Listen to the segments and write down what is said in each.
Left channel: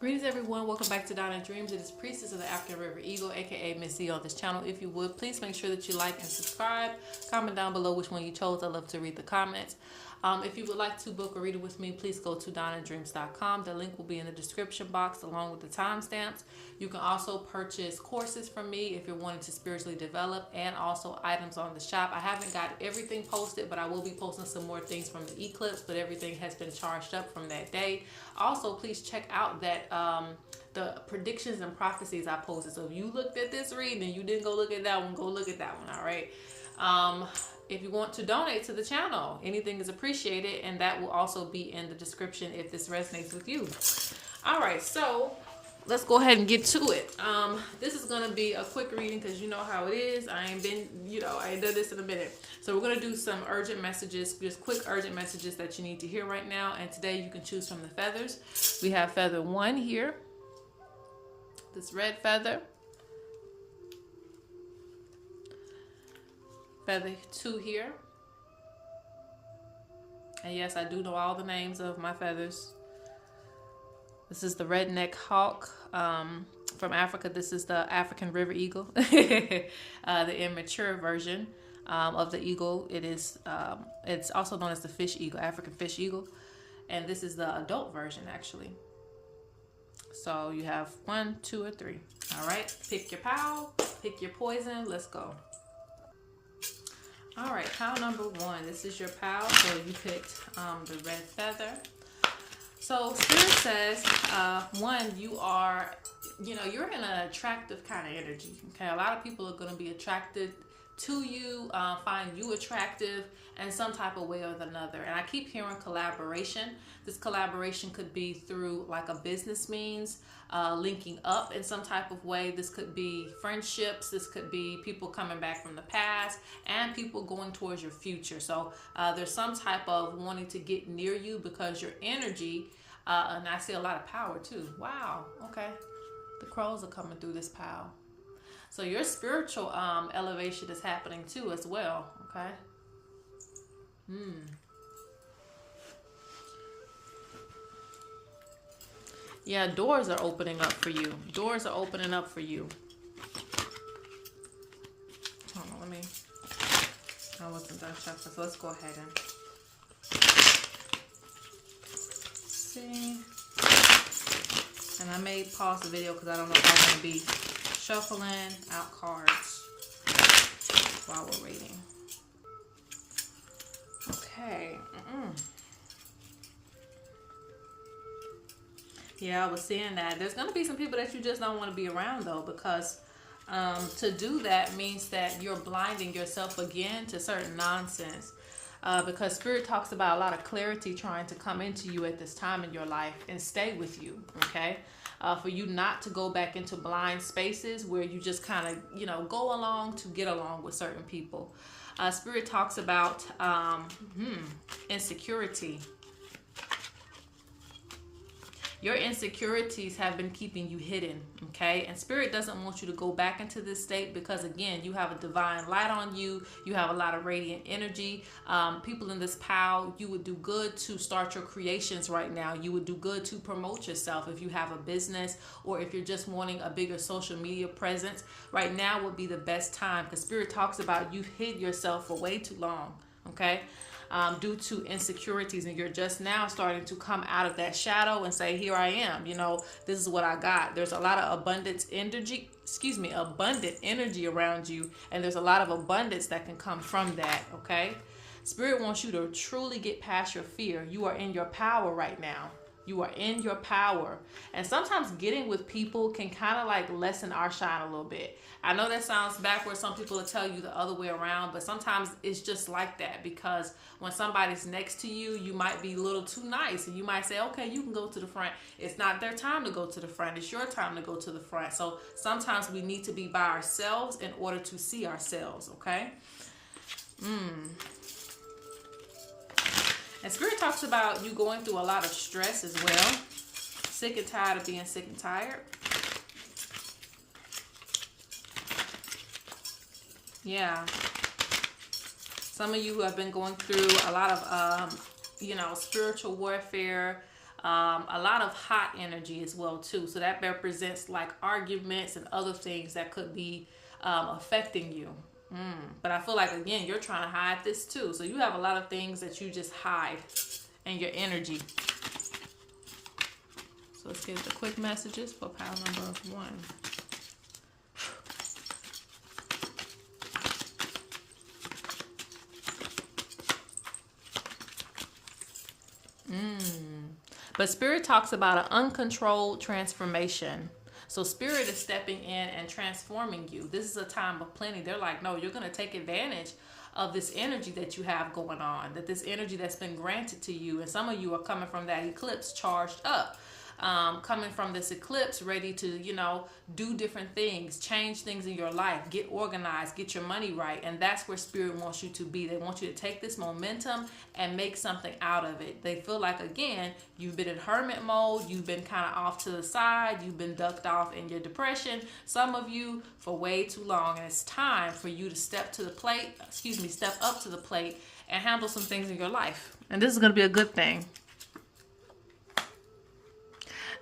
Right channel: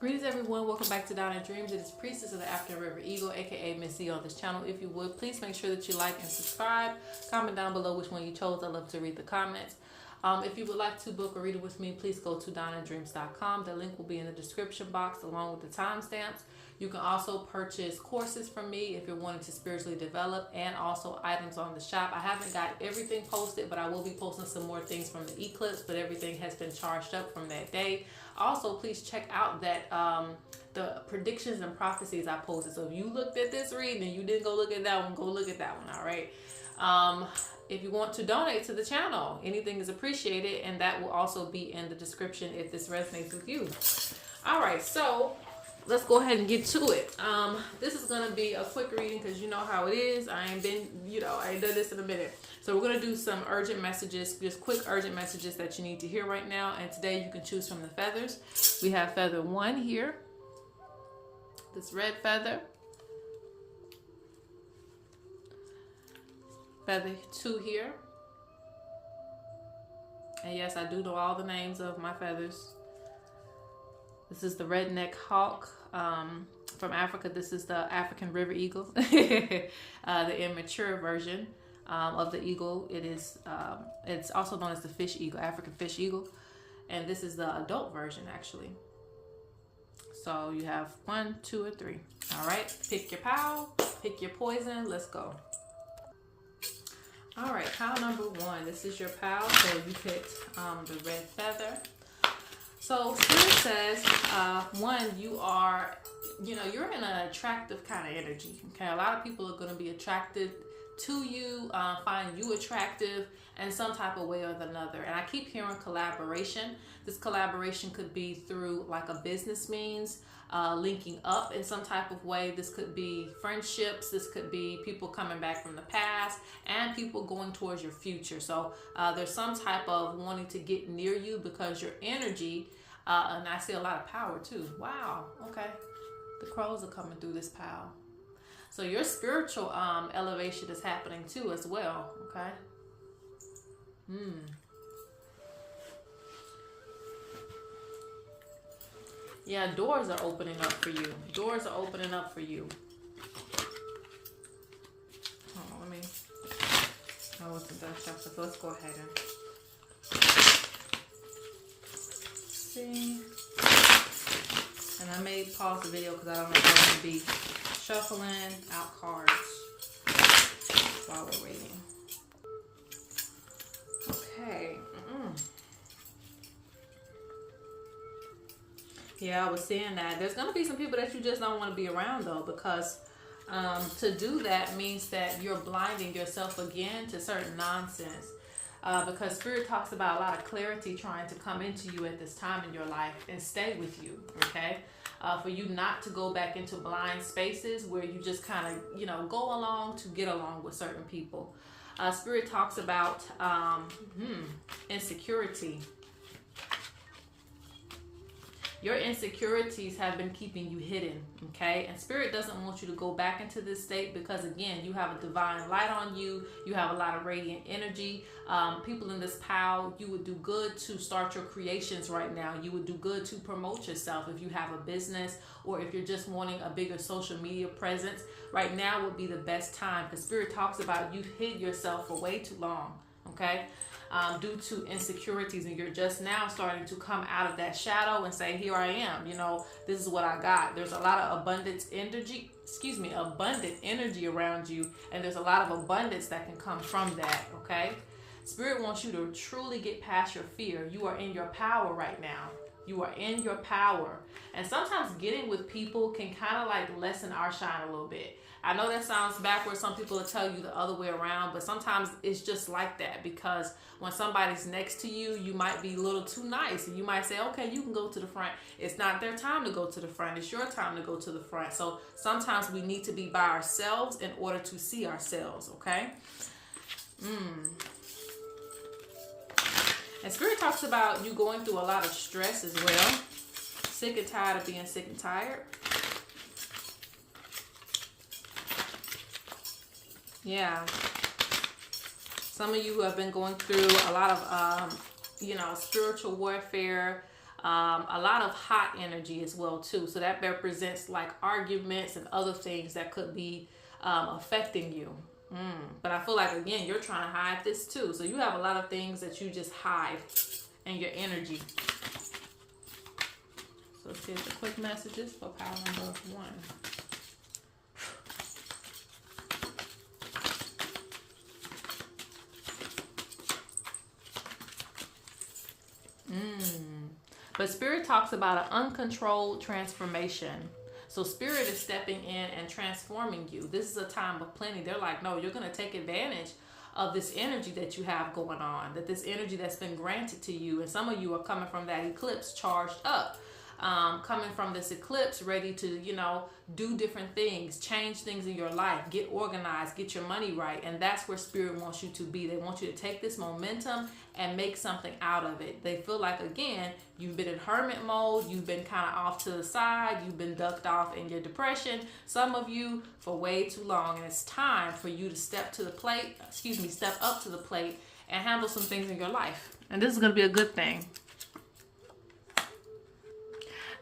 Greetings everyone, welcome back to Donna Dreams. It is Priestess of the African River Eagle, aka Ms.Z on this channel. If you would, please make sure that you like and subscribe. Comment down below which one you chose. I love to read the comments. If you would like to book a reading with me, please go to DonnaDreams.com. The link will be in the description box along with the timestamps. You can also purchase courses from me if you're wanting to spiritually develop, and also items on the shop. I haven't got everything posted, but I will be posting some more things from the eclipse, but everything has been charged up from that day. Also, please check out that the predictions and prophecies I posted. So if you looked at this reading and you didn't go look at that one, go look at that one, all right? If you want to donate to the channel, anything is appreciated, and that will also be in the description if this resonates with you. All right, so let's go ahead and get to it. This is going to be a quick reading because you know how it is. I ain't done this in a minute. So we're going to do some urgent messages, just quick urgent messages that you need to hear right now. And today you can choose from the feathers. We have feather 1 here, this red feather. Feather 2 here. And yes, I do know all the names of my feathers. This is the redneck hawk from Africa. This is the African river eagle, the immature version of the eagle. It's also known as the fish eagle, African fish eagle. And this is the adult version, actually. So you have 1, 2, or 3. All right, pick your pile, pick your poison. Let's go. All right, pile number 1. This is your pile. So you picked the red feather. So Spirit says, 1, you're in an attractive kind of energy. Okay, a lot of people are going to be attracted to you, find you attractive in some type of way or another. And I keep hearing collaboration. This collaboration could be through like a business means, linking up in some type of way. This could be friendships. This could be people coming back from the past and people going towards your future. So there's some type of wanting to get near you because your energy, and I see a lot of power too. Wow. Okay. The crows are coming through this pile. So your spiritual elevation is happening too as well. Okay. Yeah, doors are opening up for you. Doors are opening up for you. Hold on, I wasn't done shuffling, so let's go ahead and see. And I may pause the video because I don't know if I'm going to be shuffling out cards while we're waiting. Okay. Yeah, I was seeing that. There's going to be some people that you just don't want to be around, though, because to do that means that you're blinding yourself again to certain nonsense. Because Spirit talks about a lot of clarity trying to come into you at this time in your life and stay with you, okay? For you not to go back into blind spaces where you just kind of, go along to get along with certain people. Spirit talks about insecurity. Your insecurities have been keeping you hidden, okay? And Spirit doesn't want you to go back into this state because, again, you have a divine light on you. You have a lot of radiant energy. People in this pile, you would do good to start your creations right now. You would do good to promote yourself if you have a business or if you're just wanting a bigger social media presence. Right now would be the best time because Spirit talks about you've hid yourself for way too long, okay? Due to insecurities, and you're just now starting to come out of that shadow and say, here I am, this is what I got. There's a lot of abundant energy around you, and there's a lot of abundance that can come from that, okay? Spirit wants you to truly get past your fear. You are in your power right now. You are in your power. And sometimes getting with people can kind of like lessen our shine a little bit. I know that sounds backwards. Some people will tell you the other way around, but sometimes it's just like that because when somebody's next to you, you might be a little too nice and you might say, okay, you can go to the front. It's not their time to go to the front. It's your time to go to the front. So sometimes we need to be by ourselves in order to see ourselves, okay? And Spirit talks about you going through a lot of stress as well. Sick and tired of being sick and tired. Yeah. Some of you have been going through a lot of, spiritual warfare, A lot of hot energy as well too. So that represents like arguments and other things that could be affecting you. But I feel like, again, you're trying to hide this too. So you have a lot of things that you just hide in your energy. So let's get the quick messages for pile number 1. But Spirit talks about an uncontrolled transformation. So Spirit is stepping in and transforming you. This is a time of plenty. They're like, no, you're going to take advantage of this energy that you have going on, that this energy that's been granted to you. And some of you are coming from that eclipse charged up. Coming from this eclipse, ready to, do different things, change things in your life, get organized, get your money right. And that's where Spirit wants you to be. They want you to take this momentum and make something out of it. They feel like, again, you've been in hermit mode. You've been kind of off to the side. You've been ducked off in your depression. Some of you for way too long. And it's time for you to step up to the plate and handle some things in your life. And this is going to be a good thing.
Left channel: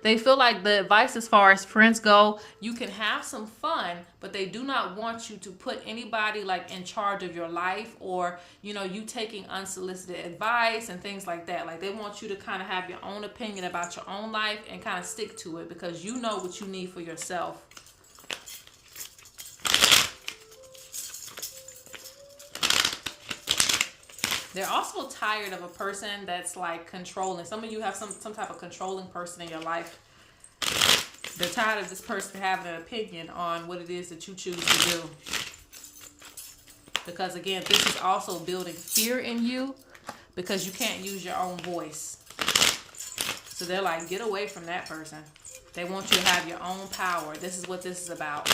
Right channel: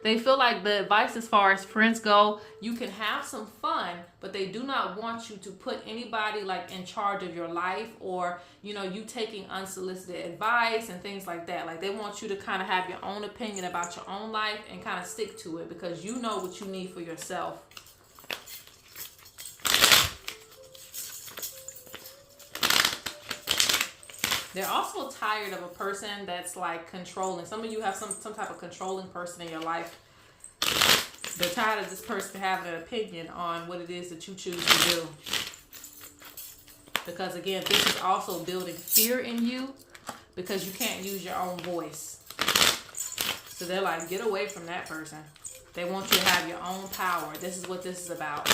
They feel like the advice as far as friends go, you can have some fun, but they do not want you to put anybody like in charge of your life, or, you taking unsolicited advice and things like that. Like they want you to kind of have your own opinion about your own life and kind of stick to it because you know what you need for yourself. They're also tired of a person that's like controlling. Some of you have some type of controlling person in your life. They're tired of this person having an opinion on what it is that you choose to do. Because again, this is also building fear in you because you can't use your own voice. So they're like, get away from that person. They want you to have your own power. This is what this is about.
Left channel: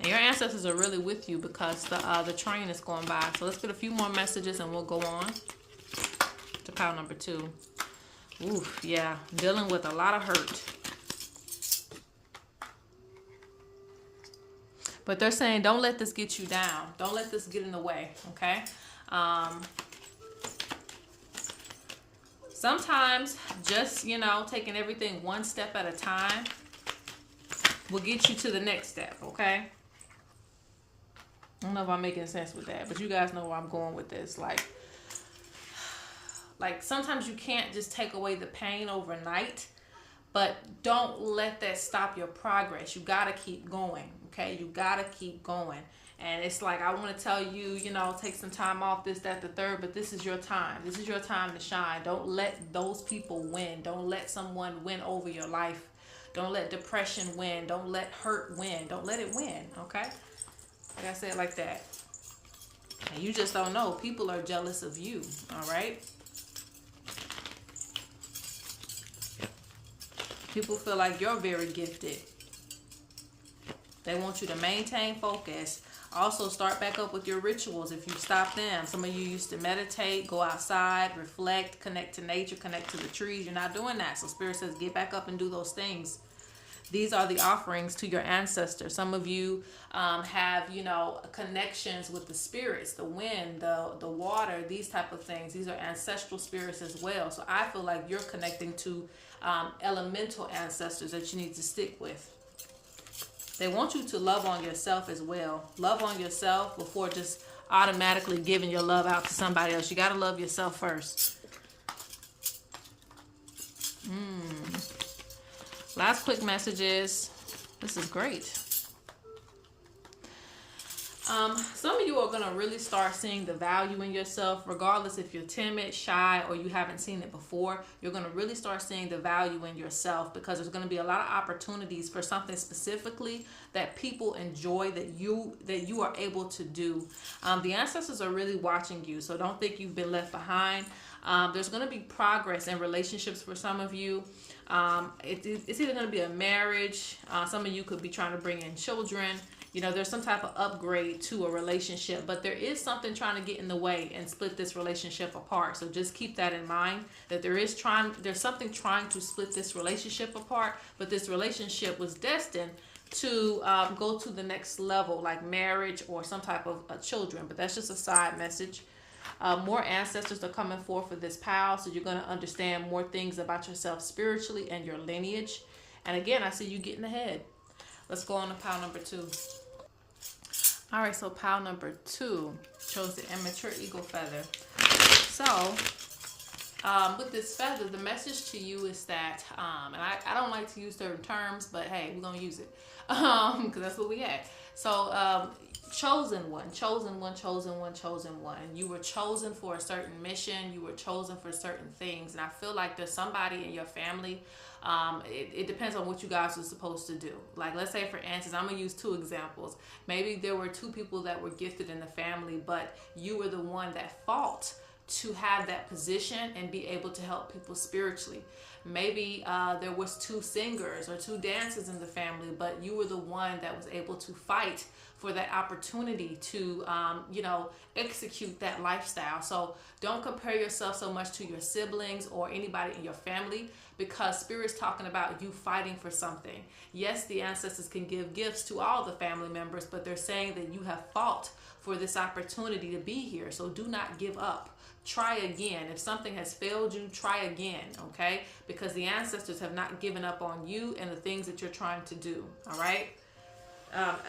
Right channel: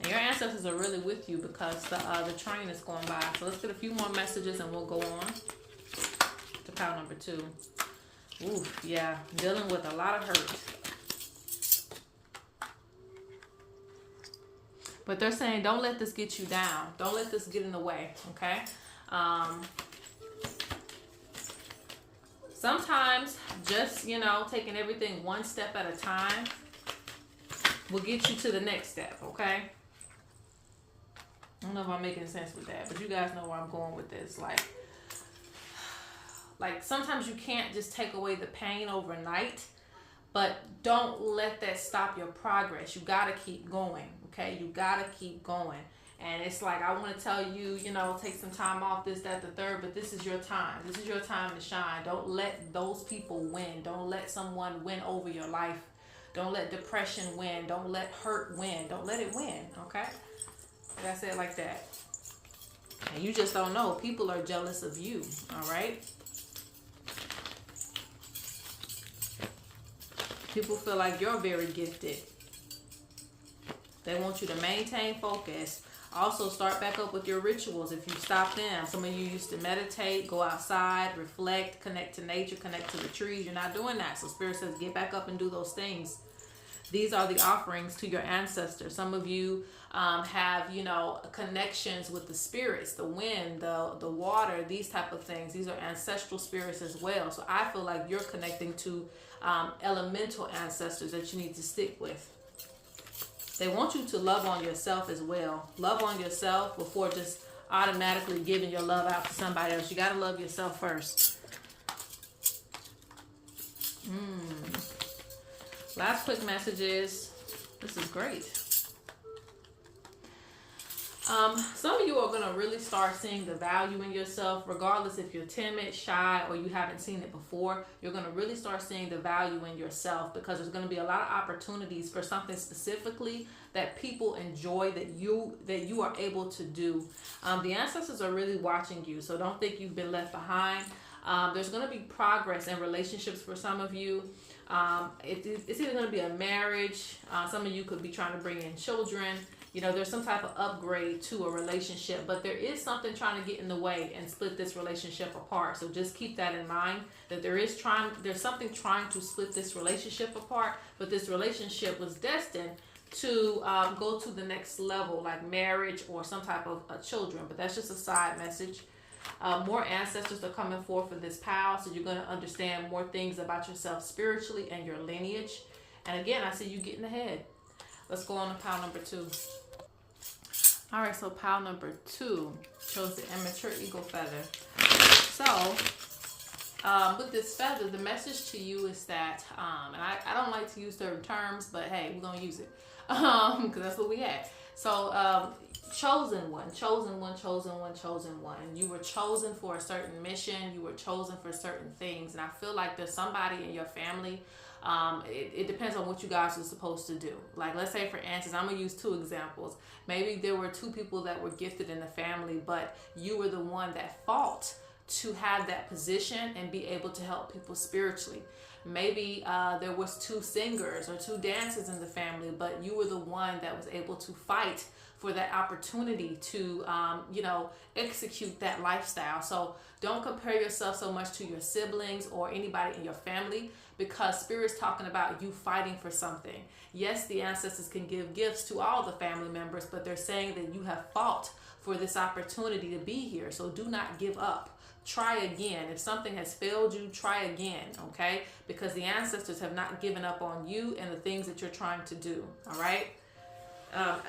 And your ancestors are really with you because the train is going by. So let's get a few more messages and we'll go on to pile number 2. Oof, yeah, dealing with a lot of hurt. But they're saying, don't let this get you down. Don't let this get in the way, okay? Sometimes just, taking everything one step at a time will get you to the next step, okay? I don't know if I'm making sense with that, but you guys know where I'm going with this. Like sometimes you can't just take away the pain overnight, but don't let that stop your progress. You got to keep going, okay? You got to keep going. And it's like, I want to tell you, take some time off, this, that, the third, but this is your time. This is your time to shine. Don't let those people win. Don't let someone win over your life. Don't let depression win. Don't let hurt win. Don't let it win, okay? Like I said, like that. And you just don't know. People are jealous of you, all right? People feel like you're very gifted. They want you to maintain focus. Also, start back up with your rituals if you stop them. Some of you used to meditate, go outside, reflect, connect to nature, connect to the trees. You're not doing that. So Spirit says, get back up and do those things. These are the offerings to your ancestors. Some of you have, connections with the spirits, the wind, the water, these type of things. These are ancestral spirits as well. So I feel like you're connecting to elemental ancestors that you need to stick with. They want you to love on yourself as well. Love on yourself before just automatically giving your love out to somebody else. You got to love yourself first. Last quick messages. This is great. Some of you are going to really start seeing the value in yourself, regardless if you're timid, shy, or you haven't seen it before. You're going to really start seeing the value in yourself because there's going to be a lot of opportunities for something specifically that people enjoy that you are able to do. The ancestors are really watching you, so don't think you've been left behind. There's going to be progress in relationships for some of you. It's either going to be a marriage. Some of you could be trying to bring in children. There's some type of upgrade to a relationship, but there is something trying to get in the way and split this relationship apart. So just keep that in mind, that there's something trying to split this relationship apart, but this relationship was destined to go to the next level, like marriage or some type of children. But that's just a side message. More ancestors are coming forth for this pile, so you're going to understand more things about yourself spiritually and your lineage. And again, I see you getting ahead. Let's go on to pile number 2. All right, so pile number 2 shows the immature eagle feather. So, with this feather, the message to you is that, and I don't like to use certain terms, but hey, we're going to use it because that's what we had. So, chosen one, chosen one, chosen one, chosen one. You were chosen for a certain mission. You were chosen for certain things. And I feel like there's somebody in your family. It depends on what you guys are supposed to do. Like, let's say, for instance, I'm going to use 2 examples. Maybe there were 2 people that were gifted in the family, but you were the one that fought to have that position and be able to help people spiritually. Maybe there was 2 singers or 2 dancers in the family, but you were the one that was able to fight for that opportunity to, execute that lifestyle. So don't compare yourself so much to your siblings or anybody in your family, because Spirit's talking about you fighting for something. Yes, the ancestors can give gifts to all the family members, but they're saying that you have fought for this opportunity to be here. So do not give up. Try again. If something has failed you, try again, okay? Because the ancestors have not given up on you and the things that you're trying to do, all right?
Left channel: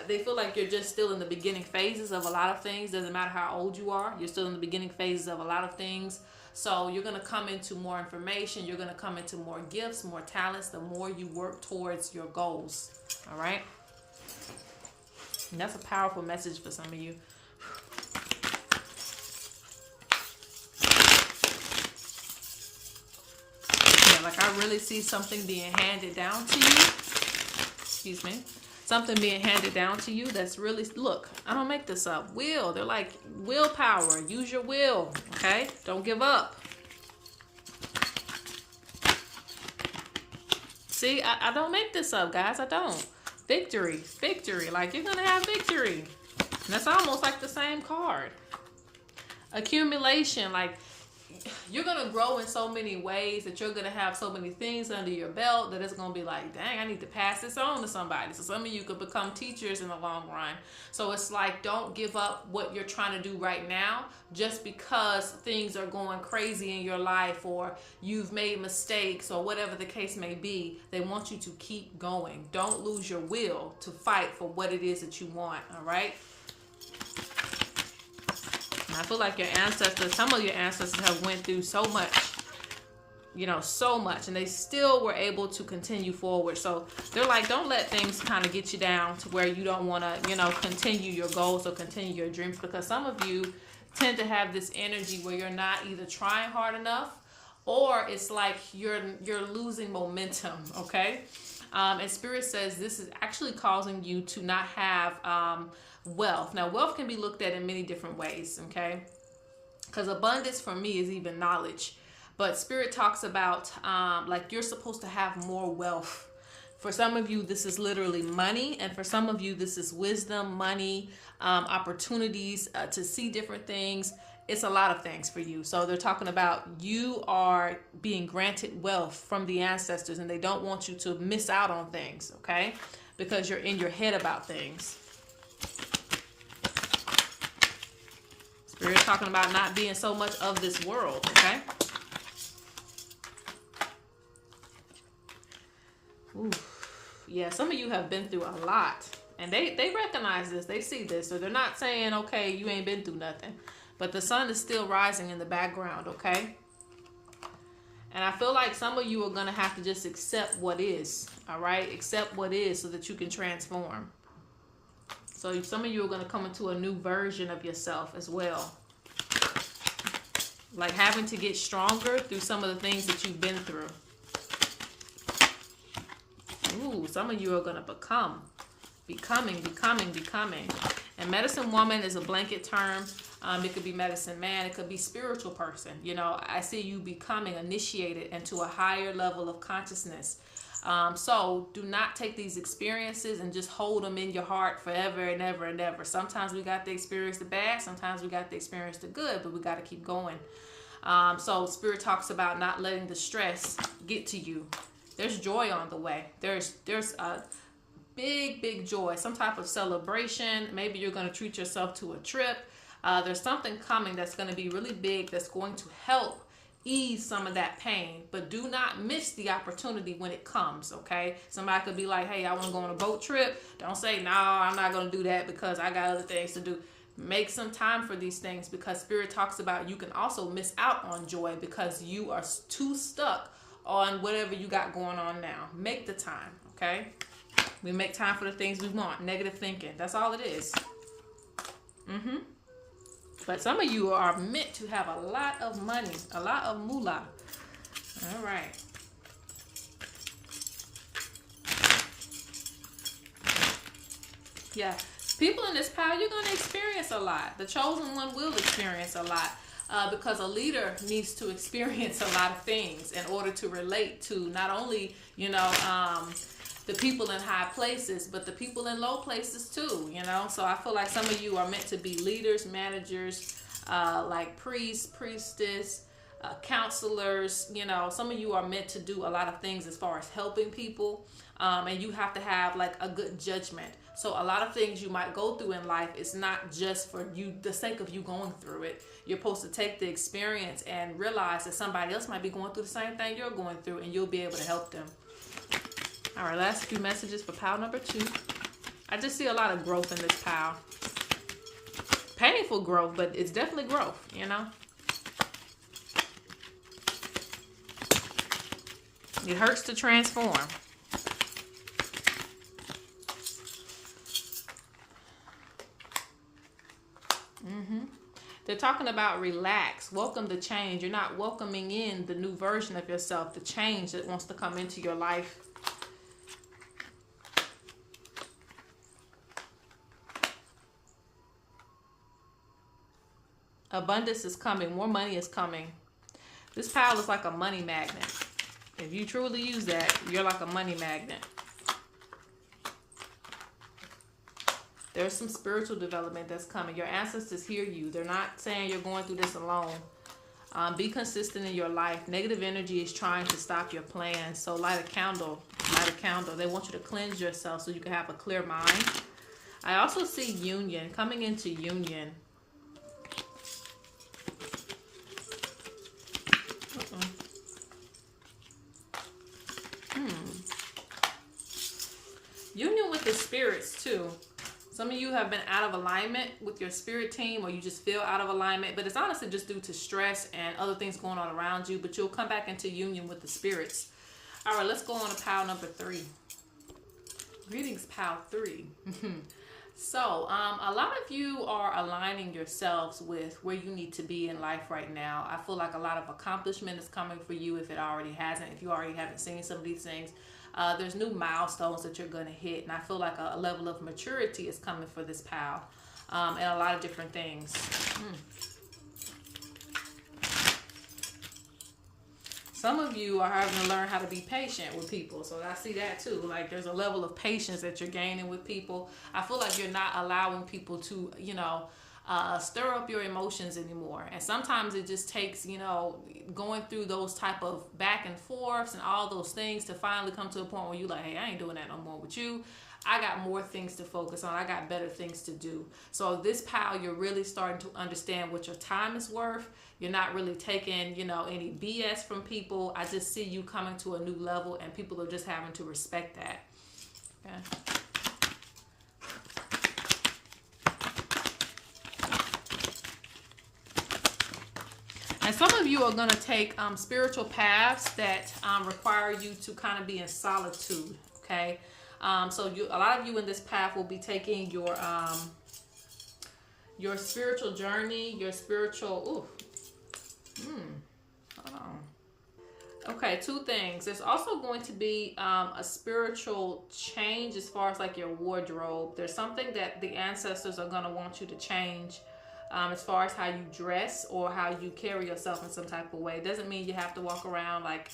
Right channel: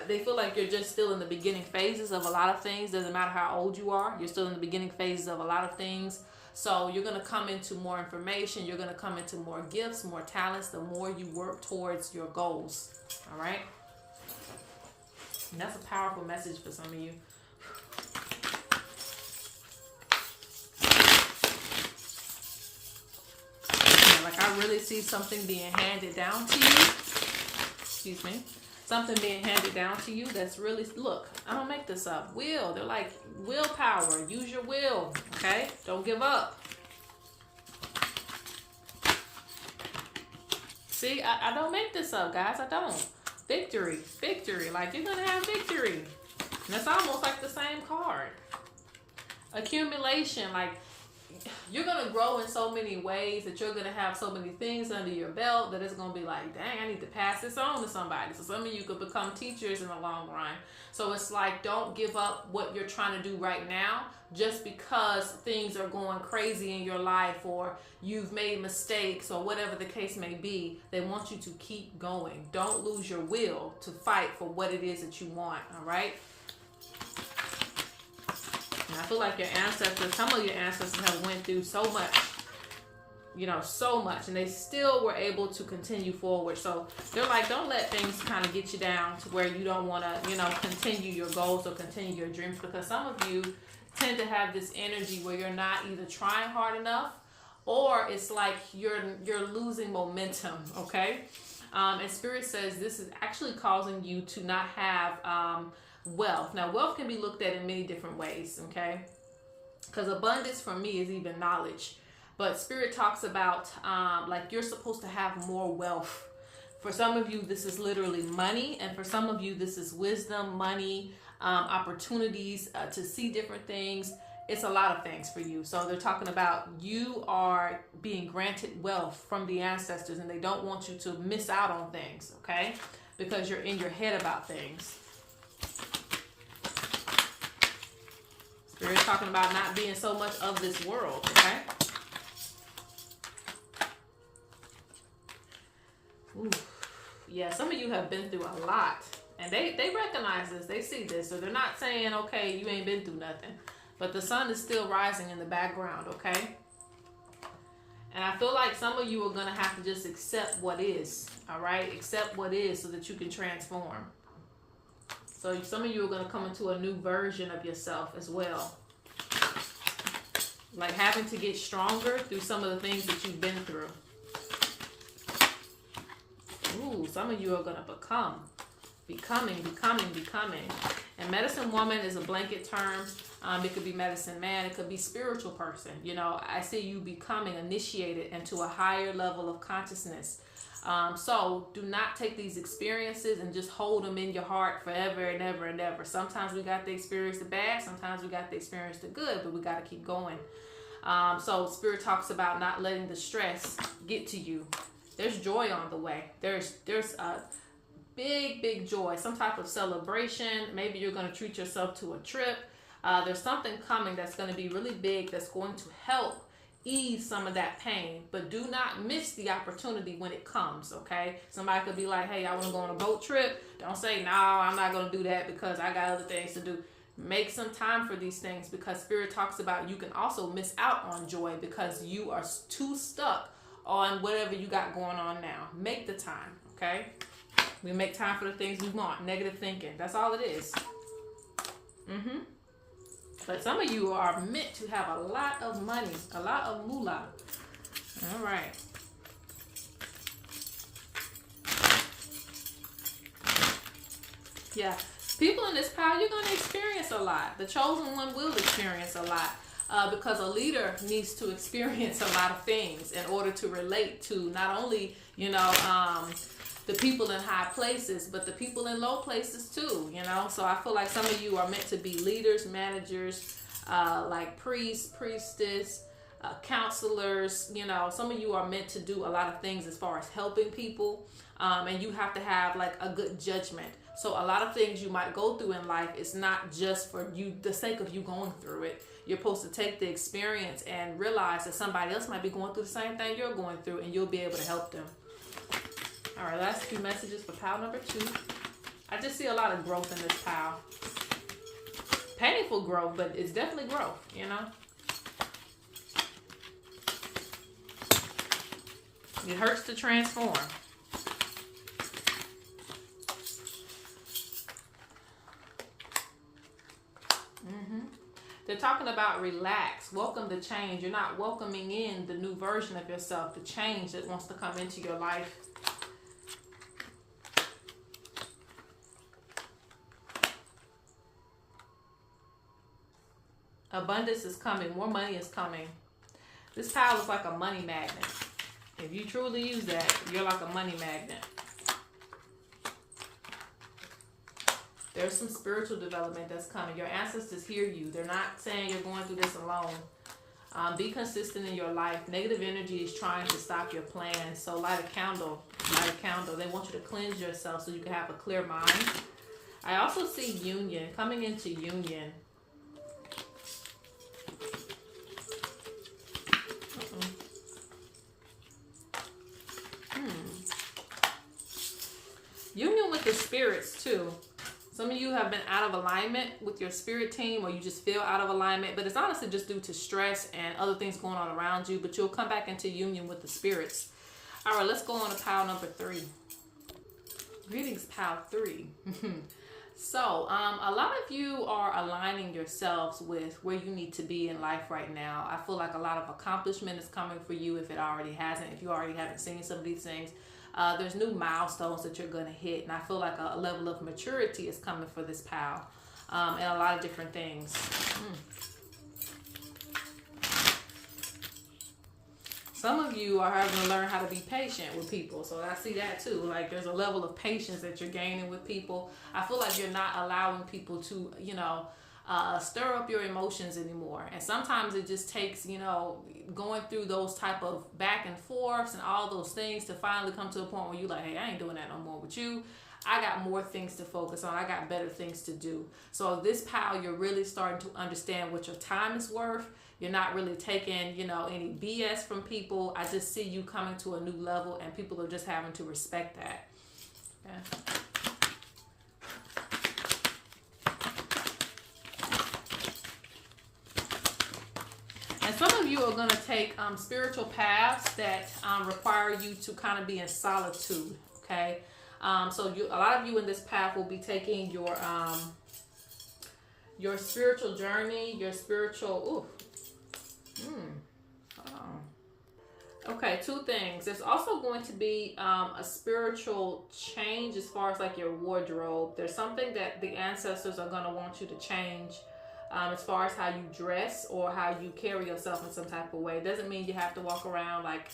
They feel like you're just still in the beginning phases of a lot of things. Doesn't matter how old you are. You're still in the beginning phases of a lot of things. So you're going to come into more information. You're going to come into more gifts, more talents, the more you work towards your goals, all right? And that's a powerful message for some of you. Like, I really see something being handed down to you. Excuse me. Something being handed down to you that's really, look, I don't make this up. They're like willpower. Use your will, okay? Don't give up. See, I don't make this up, guys. I don't. Victory. Like, you're going to have victory. And that's almost like the same card. Accumulation, like, you're going to grow in so many ways that you're going to have so many things under your belt that it's going to be like, dang, I need to pass this on to somebody. So some of you could become teachers in the long run. So it's like, don't give up what you're trying to do right now just because things are going crazy in your life or you've made mistakes or whatever the case may be. They want you to keep going. Don't lose your will to fight for what it is that you want, all right? I feel like your ancestors, some of your ancestors have went through so much, so much, and they still were able to continue forward. So they're like, don't let things kind of get you down to where you don't want to, continue your goals or continue your dreams, because some of you tend to have this energy where you're not either trying hard enough or it's like you're losing momentum, okay? And Spirit says this is actually causing you to not have wealth. Now, wealth can be looked at in many different ways, okay? Because abundance for me is even knowledge. But Spirit talks about like you're supposed to have more wealth. For some of you, this is literally money. And for some of you, this is wisdom, money, opportunities to see different things. It's a lot of things for you. So they're talking about you are being granted wealth from the ancestors, and they don't want you to miss out on things, okay? Because you're in your head about things. Spirit's talking about not being so much of this world, okay? Ooh. Yeah, some of you have been through a lot. And they recognize this. They see this. So they're not saying, okay, you ain't been through nothing. But the sun is still rising in the background, okay? And I feel like some of you are going to have to just accept what is, all right? Accept what is so that you can transform. So some of you are going to come into a new version of yourself as well. Like having to get stronger through some of the things that you've been through. Ooh, some of you are going to becoming. And medicine woman is a blanket term. It could be medicine man. It could be spiritual person. I see you becoming initiated into a higher level of consciousness. So do not take these experiences and just hold them in your heart forever and ever and ever. Sometimes we got to experience the bad. Sometimes we got to experience the good, but we got to keep going. So Spirit talks about not letting the stress get to you. There's joy on the way. There's a big joy, some type of celebration. Maybe you're going to treat yourself to a trip. There's something coming that's going to be really big that's going to help ease some of that pain, but do not miss the opportunity when it comes. Okay, somebody could be like, hey, I want to go on a boat trip. Don't say, no, I'm not going to do that because I got other things to do. Make some time for these things, because Spirit talks about you can also miss out on joy because you are too stuck on whatever you got going on now. Make the time. Okay, we make time for the things we want. Negative thinking, that's all it is. But some of you are meant to have a lot of money, a lot of moolah. All right. Yeah. People in this power, you're going to experience a lot. The chosen one will experience a lot, because a leader needs to experience a lot of things in order to relate to not only, the people in high places, but the people in low places too, So I feel like some of you are meant to be leaders, managers, like priests, priestess, counselors. Some of you are meant to do a lot of things as far as helping people, and you have to have like a good judgment. So a lot of things you might go through in life, it's not just for you, the sake of you going through it. You're supposed to take the experience and realize that somebody else might be going through the same thing you're going through, and you'll be able to help them. All right, last few messages for pile number 2. I just see a lot of growth in this pile. Painful growth, but it's definitely growth, It hurts to transform. They're talking about relax, welcome the change. You're not welcoming in the new version of yourself, the change that wants to come into your life. Abundance is coming. More money is coming. This pile is like a money magnet. If you truly use that, you're like a money magnet. There's some spiritual development that's coming. Your ancestors hear you. They're not saying you're going through this alone. Be consistent in your life. Negative energy is trying to stop your plans. So light a candle. Light a candle. They want you to cleanse yourself so you can have a clear mind. I also see union. Coming into union. Union with the spirits too. Some of you have been out of alignment with your spirit team, or you just feel out of alignment, but it's honestly just due to stress and other things going on around you, but you'll come back into union with the spirits. All right, let's go on to pile number 3. Greetings, pile 3. So, a lot of you are aligning yourselves with where you need to be in life right now. I feel like a lot of accomplishment is coming for you if it already hasn't, if you already haven't seen some of these things. There's new milestones that you're going to hit, and I feel like a level of maturity is coming for this pal, and a lot of different things. Some of you are having to learn how to be patient with people, so I see that too. Like there's a level of patience that you're gaining with people. I feel like you're not allowing people to, stir up your emotions anymore. And sometimes it just takes, going through those type of back and forths and all those things to finally come to a point where you're like, hey, I ain't doing that no more with you. I got more things to focus on. I got better things to do. So this pal, you're really starting to understand what your time is worth. You're not really taking, any BS from people. I just see you coming to a new level, and people are just having to respect that. Yeah. And some of you are going to take spiritual paths that require you to kind of be in solitude, okay? So a lot of you in this path will be taking your spiritual journey, your spiritual... Okay, 2 things. There's also going to be a spiritual change as far as like your wardrobe. There's something that the ancestors are going to want you to change as far as how you dress or how you carry yourself in some type of way. It doesn't mean you have to walk around like,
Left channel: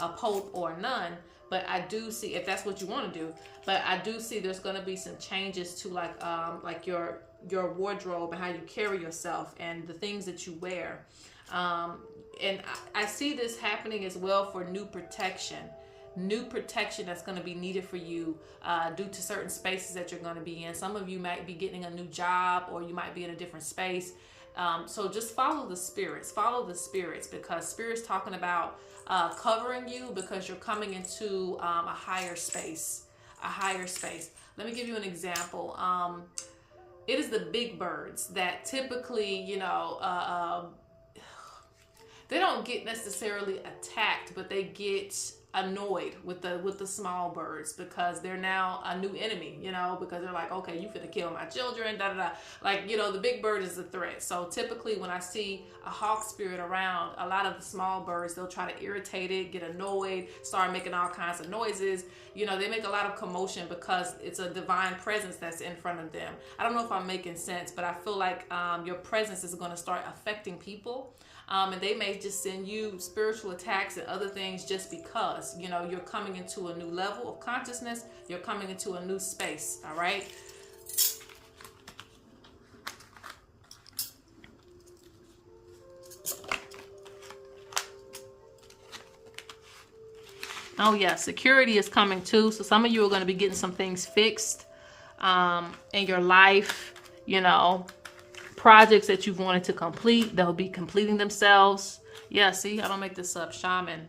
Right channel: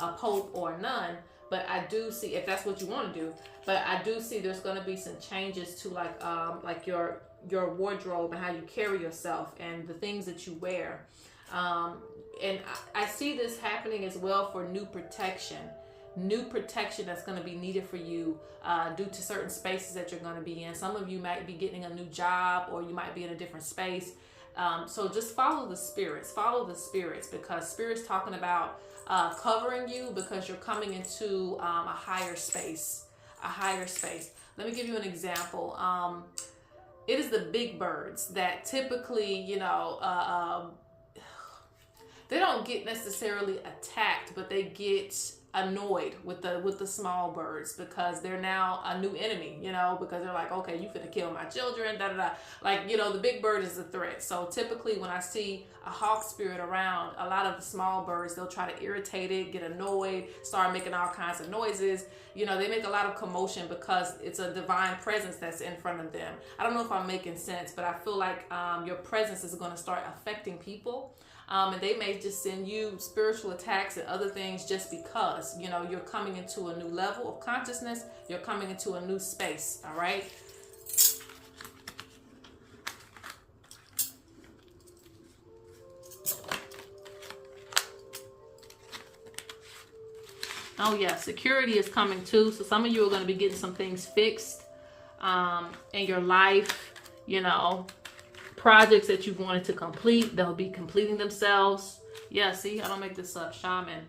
a pope or a nun, but I do see, if that's what you want to do, but I do see there's going to be some changes to like your wardrobe and how you carry yourself and the things that you wear. And I see this happening as well for new protection. new protection that's going to be needed for you due to certain spaces that you're going to be in. Some of you might be getting a new job, or you might be in a different space. So just follow the spirits, because Spirit's talking about covering you, because you're coming into a higher space, Let me give you an example. It is the big birds that typically, they don't get necessarily attacked, but they get annoyed with the small birds, because they're now a new enemy, because they're like, okay, you finna kill my children, da da da. Like, the big bird is a threat. So typically when I see a hawk spirit around, a lot of the small birds, they'll try to irritate it, get annoyed, start making all kinds of noises. They make a lot of commotion because it's a divine presence that's in front of them. I don't know if I'm making sense, but I feel like your presence is going to start affecting people. And they may just send you spiritual attacks and other things just because, you're coming into a new level of consciousness. You're coming into a new space. All right. Oh yeah, security is coming too. So some of you are going to be getting some things fixed in your life, projects that you've wanted to complete, they'll be completing themselves. Yeah, see, I don't make this up. Shaman.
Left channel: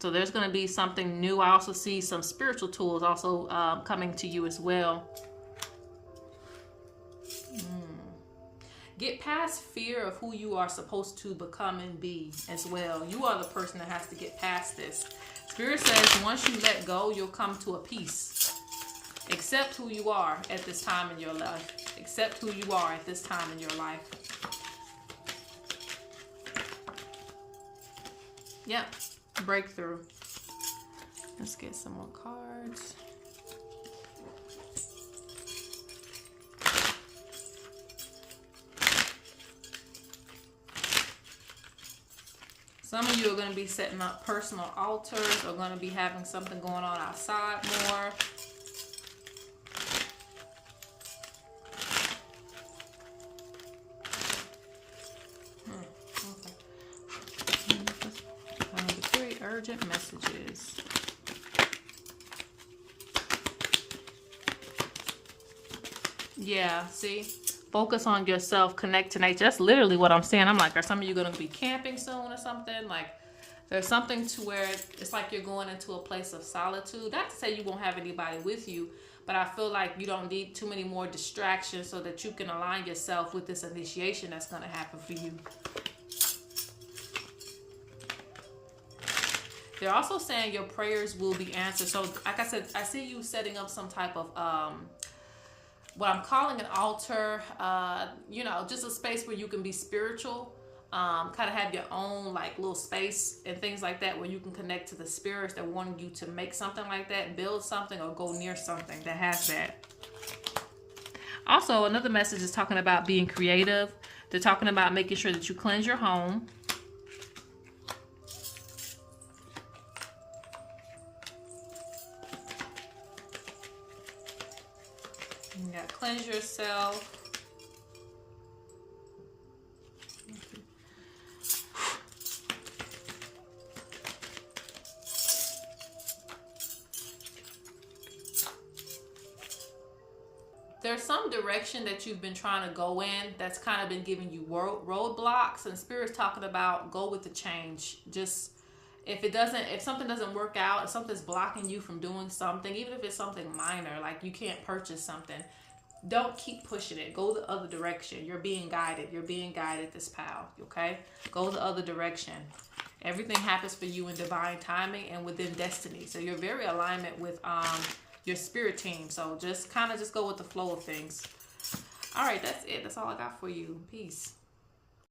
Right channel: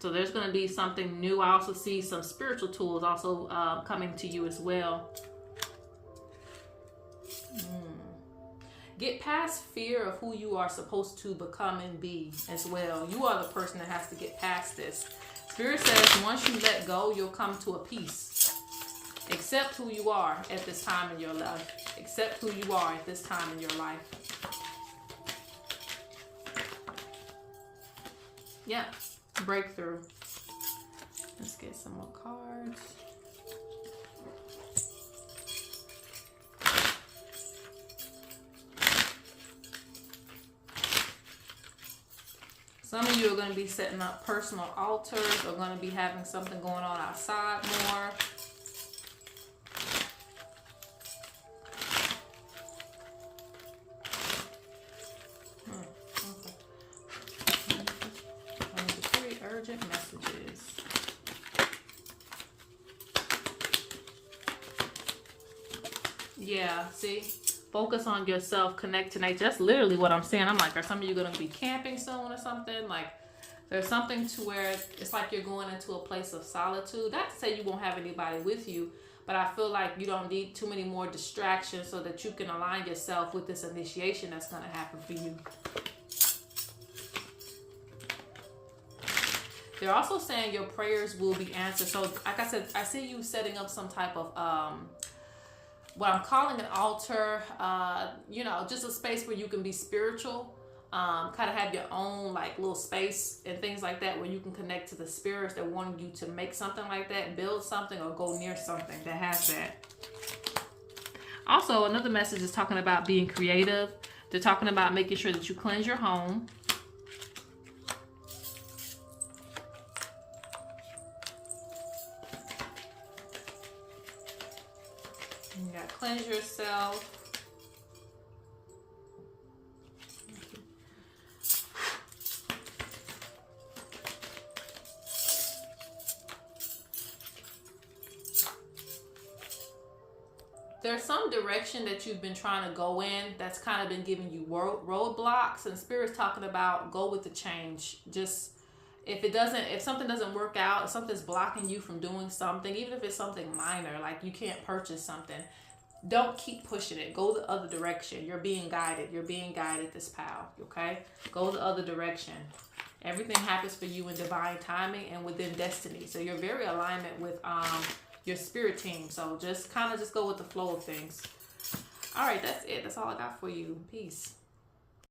So there's going to be something new. I also see some spiritual tools also coming to you as well. Get past fear of who you are supposed to become and be as well. You are the person that has to get past this. Spirit says once you let go, you'll come to a peace. Accept who you are at this time in your life. Accept who you are at this time in your life. Yeah, breakthrough. Let's get some more cards. Some of you are going to be setting up personal altars, or going to be having something going on outside more. Urgent messages. Yeah, see? Focus on yourself, connect to nature. That's literally what I'm saying. I'm like, are some of you going to be camping soon or something? Like, there's something to where it's like you're going into a place of solitude. Not to say you won't have anybody with you, but I feel like you don't need too many more distractions so that you can align yourself with this initiation that's going to happen for you. They're also saying your prayers will be answered. So, like I said, I see you setting up some type of, what I'm calling an altar, just a space where you can be spiritual, kind of have your own, like, little space and things like that where you can connect to the spirits that want you to make something like that, build something, or go near something that has that. Also, another message is talking about being creative. They're talking about making sure that you cleanse your home. You got to cleanse yourself. There's some direction that you've been trying to go in that's kind of been giving you roadblocks, and Spirit's talking about go with the change. Just if something doesn't work out, if something's blocking you from doing something, even if it's something minor, like you can't purchase something, don't keep pushing it. Go the other direction. You're being guided. You're being guided, this pal. Okay? Go the other direction. Everything happens for you in divine timing and within destiny. So you're very alignment with your spirit team. So just go with the flow of things. All right, that's it. That's all I got for you. Peace.